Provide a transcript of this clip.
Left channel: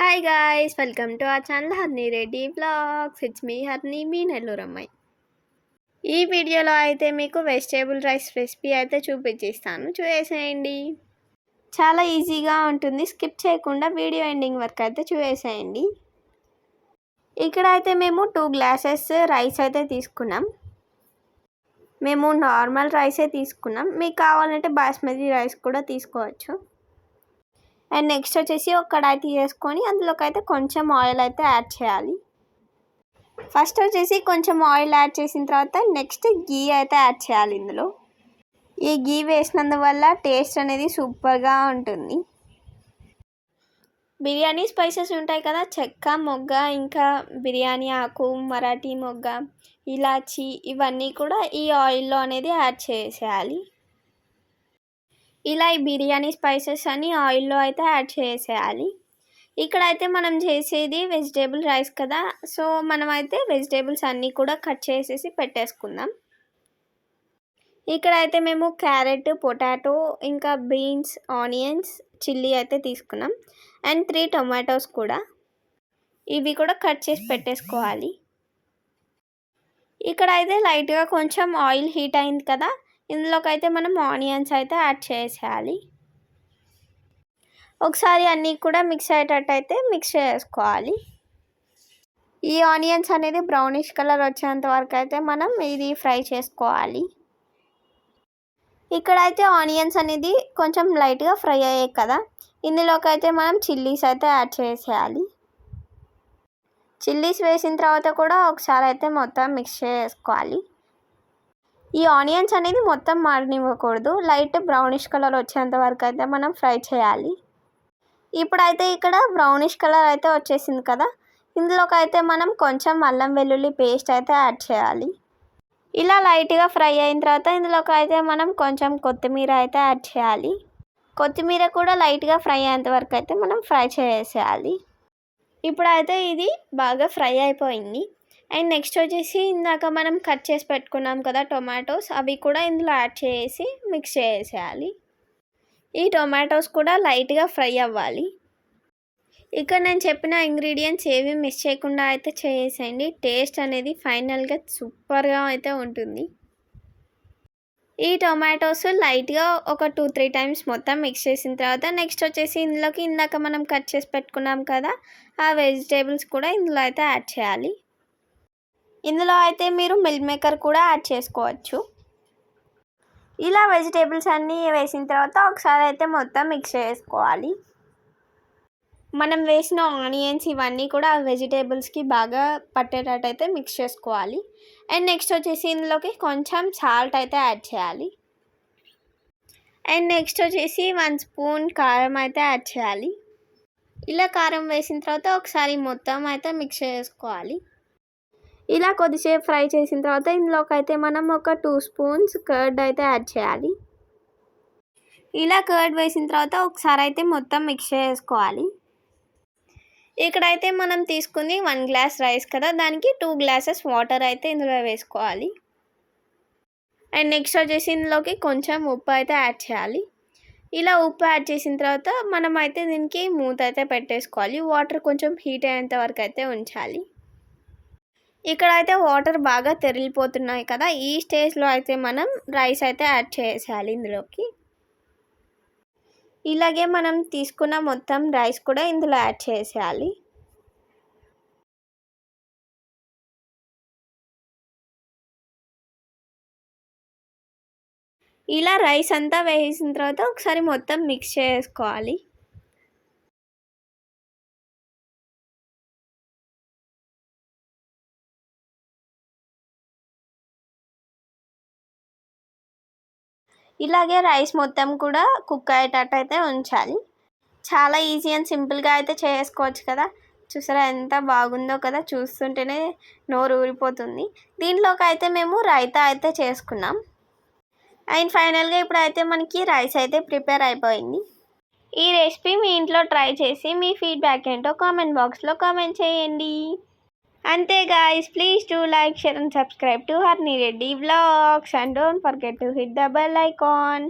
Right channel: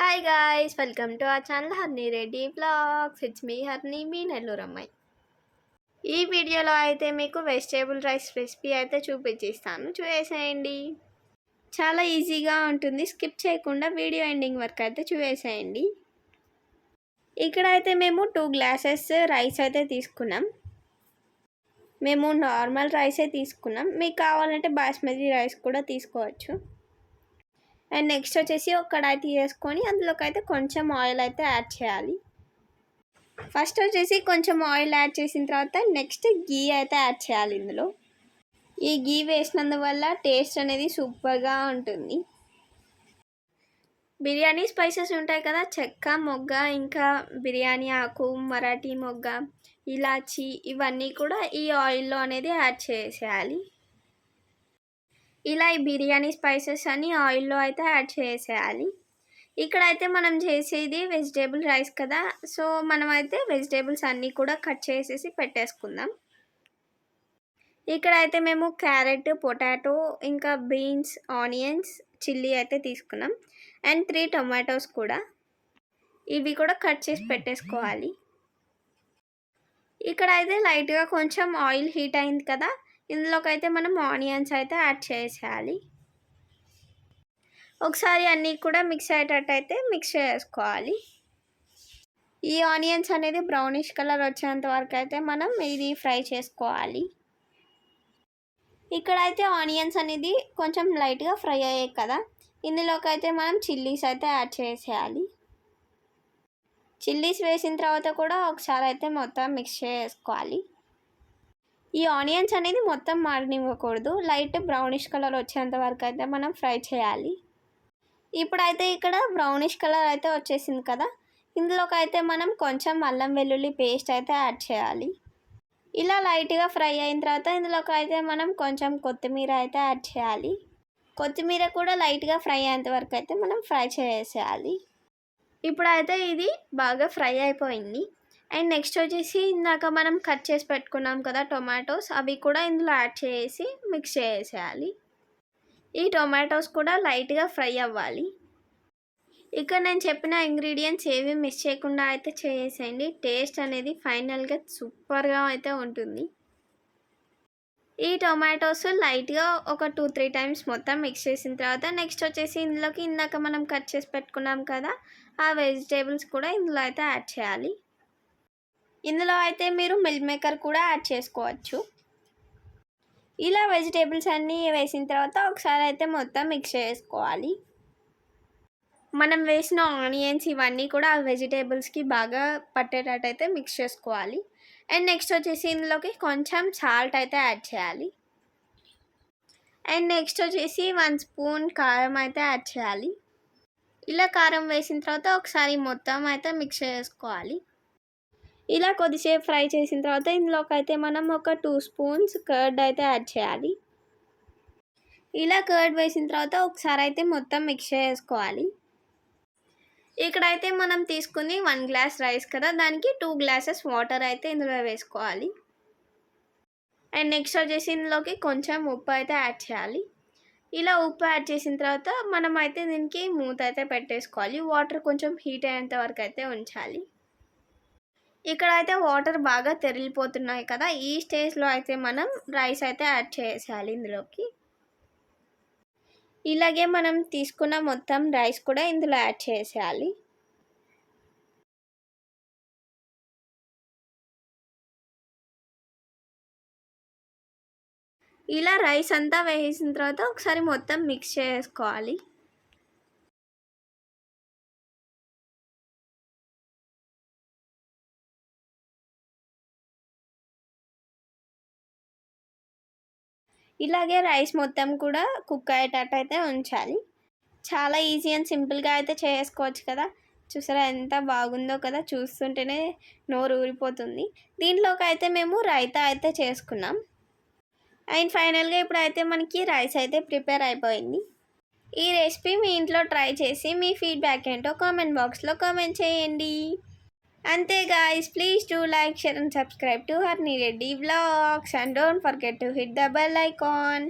Hi guys, welcome to our channel Harni Reddy vlogs. It's me Harni, మీ నెల్లూరు అమ్మాయి. ఈ వీడియోలో అయితే మీకు వెజిటేబుల్ రైస్ రెసిపీ అయితే చూపించేస్తాను, చూసేయండి. చాలా ఈజీగా ఉంటుంది, స్కిప్ చేయకుండా వీడియో ఎండింగ్ వరకు అయితే చూసేయండి. ఇక్కడ అయితే మేము 2 గ్లాసెస్ రైస్ అయితే తీసుకున్నాం. మేము నార్మల్ రైసే తీసుకున్నాం, మీకు కావాలంటే బాస్మతి రైస్ కూడా తీసుకోవచ్చు. అండ్ నెక్స్ట్ వచ్చేసి ఒక కడాయి తీసుకొని అందులోకి అయితే కొంచెం ఆయిల్ అయితే యాడ్ చేయాలి. ఫస్ట్ వచ్చేసి కొంచెం ఆయిల్ యాడ్ చేసిన తర్వాత నెక్స్ట్ గీ అయితే యాడ్ చేయాలి. ఇందులో ఈ గీ వేసినందువల్ల టేస్ట్ అనేది సూపర్గా ఉంటుంది. బిర్యానీ స్పైసెస్ ఉంటాయి కదా, చెక్క, మొగ్గ, ఇంకా బిర్యానీ ఆకు, మరాఠీ మొగ్గ, ఇలాచి, ఇవన్నీ కూడా ఈ ఆయిల్లో అనేది యాడ్ చేసేయాలి. ఇలా ఈ బిర్యానీ స్పైసెస్ అన్ని ఆయిల్లో అయితే యాడ్ చేసేయాలి. ఇక్కడైతే మనం చేసేది వెజిటేబుల్ రైస్ కదా, సో మనం అయితే వెజిటేబుల్స్ అన్నీ కూడా కట్ చేసేసి పెట్టేసుకుందాం. ఇక్కడైతే మేము క్యారెట్, పొటాటో, ఇంకా బీన్స్, ఆనియన్స్, చిల్లీ అయితే తీసుకున్నాం. అండ్ 3 టొమాటోస్ కూడా, ఇవి కూడా కట్ చేసి పెట్టేసుకోవాలి. ఇక్కడైతే లైట్గా కొంచెం ఆయిల్ హీట్ అయింది కదా, ఇందులోకి అయితే మనం ఆనియన్స్ అయితే యాడ్ చేసేయాలి. ఒకసారి అన్నీ కూడా మిక్స్ అయ్యేటట్టు అయితే మిక్స్ చేసుకోవాలి. ఈ ఆనియన్స్ అనేది బ్రౌనిష్ కలర్ వచ్చేంత వరకు అయితే మనం ఇది ఫ్రై చేసుకోవాలి. ఇక్కడైతే ఆనియన్స్ అనేది కొంచెం లైట్గా ఫ్రై అయ్యాయి కదా, ఇందులోకి అయితే మనం చిల్లీస్ అయితే యాడ్ చేసేయాలి. చిల్లీస్ వేసిన తర్వాత కూడా ఒకసారి అయితే మొత్తం మిక్స్ చేసుకోవాలి. ఈ ఆనియన్స్ అనేది మొత్తం మారనివ్వకూడదు, లైట్ బ్రౌనిష్ కలర్ వచ్చేంత వరకు అయితే మనం ఫ్రై చేయాలి. ఇప్పుడైతే ఇక్కడ బ్రౌనిష్ కలర్ అయితే వచ్చేసింది కదా, ఇందులోకి అయితే మనం కొంచెం అల్లం వెల్లుల్లి పేస్ట్ అయితే యాడ్ చేయాలి. ఇలా లైట్గా ఫ్రై అయిన తర్వాత ఇందులోకి అయితే మనం కొంచెం కొత్తిమీర అయితే యాడ్ చేయాలి. కొత్తిమీర కూడా లైట్గా ఫ్రై అయ్యేంత వరకు అయితే మనం ఫ్రై చేసేయాలి. ఇప్పుడైతే ఇది బాగా ఫ్రై అయిపోయింది. అండ్ నెక్స్ట్ వచ్చేసి ఇందాక మనం కట్ చేసి పెట్టుకున్నాం కదా టొమాటోస్, అవి కూడా ఇందులో యాడ్ చేసి మిక్స్ చేసేయాలి. ఈ టొమాటోస్ కూడా లైట్గా ఫ్రై అవ్వాలి. ఇక్కడ నేను చెప్పిన ఇంగ్రీడియంట్స్ ఏవి మిస్ చేయకుండా అయితే చేసేయండి, టేస్ట్ అనేది ఫైనల్గా సూపర్గా అయితే ఉంటుంది. ఈ టొమాటోస్ లైట్గా ఒక 2-3 టైమ్స్ మొత్తం మిక్స్ చేసిన తర్వాత నెక్స్ట్ వచ్చేసి ఇందులోకి ఇందాక మనం కట్ చేసి పెట్టుకున్నాం కదా ఆ వెజిటేబుల్స్ కూడా ఇందులో అయితే యాడ్ చేయాలి. ఇందులో అయితే మీరు మిల్ మేకర్ కూడా యాడ్ చేసుకోవచ్చు. ఇలా వెజిటేబుల్స్ అన్నీ వేసిన తర్వాత ఒకసారి అయితే మొత్తం మిక్స్ చేసుకోవాలి. మనం వేసిన ఆనియన్స్ ఇవన్నీ కూడా ఆ వెజిటేబుల్స్కి బాగా పట్టేటట్టు అయితే మిక్స్ చేసుకోవాలి. అండ్ నెక్స్ట్ వచ్చేసి ఇందులోకి కొంచెం సాల్ట్ అయితే యాడ్ చేయాలి. అండ్ నెక్స్ట్ వచ్చేసి 1 స్పూన్ కారం అయితే యాడ్ చేయాలి. ఇలా కారం వేసిన తర్వాత ఒకసారి మొత్తం అయితే మిక్స్ చేసుకోవాలి. ఇలా కొద్దిసేపు ఫ్రై చేసిన తర్వాత ఇందులోకి అయితే మనం ఒక 2 స్పూన్స్ కర్డ్ అయితే యాడ్ చేయాలి. ఇలా కర్డ్ వేసిన తర్వాత ఒకసారి అయితే మొత్తం మిక్స్ చేసుకోవాలి. ఇక్కడైతే మనం తీసుకుని 1 గ్లాస్ రైస్ కదా, దానికి 2 గ్లాసెస్ వాటర్ అయితే ఇందులో వేసుకోవాలి. అండ్ నెక్స్ట్ వచ్చేసి ఇందులోకి కొంచెం ఉప్పు అయితే యాడ్ చేయాలి. ఇలా ఉప్పు యాడ్ చేసిన తర్వాత మనం అయితే దీనికి మూత అయితే పెట్టేసుకోవాలి. వాటర్ కొంచెం హీట్ అయ్యేంత వరకు అయితే ఉంచాలి. ఇక్కడైతే వాటర్ బాగా తెరిలిపోతున్నాయి కదా, ఈ స్టేజ్లో అయితే మనం రైస్ అయితే యాడ్ చేసేయాలి ఇందులోకి. ఇలాగే మనం తీసుకున్న మొత్తం రైస్ కూడా ఇందులో యాడ్ చేసేయాలి. ఇలా రైస్ అంతా వేసిన తర్వాత ఒకసారి మొత్తం మిక్స్ చేసుకోవాలి. ఇలాగే రైస్ మొత్తం కూడా కుక్ అయ్యేటట్టు అయితే ఉంచాలి. చాలా ఈజీ అండ్ సింపుల్గా అయితే చేసుకోవచ్చు కదా, చూసారా ఎంత బాగుందో కదా, చూస్తుంటేనే నోరు ఊరిపోతుంది. దీంట్లోకి అయితే మేము రైతా అయితే చేసుకున్నాం. అండ్ ఫైనల్గా ఇప్పుడైతే మనకి రైస్ అయితే ప్రిపేర్ అయిపోయింది. ఈ రెసిపీ మీ ఇంట్లో ట్రై చేసి మీ ఫీడ్బ్యాక్ ఏంటో కామెంట్ బాక్స్లో కామెంట్ చేయండి. అంతే guys, please do like, share and subscribe to Harni Reddy Vlogs and don't forget to hit the bell icon.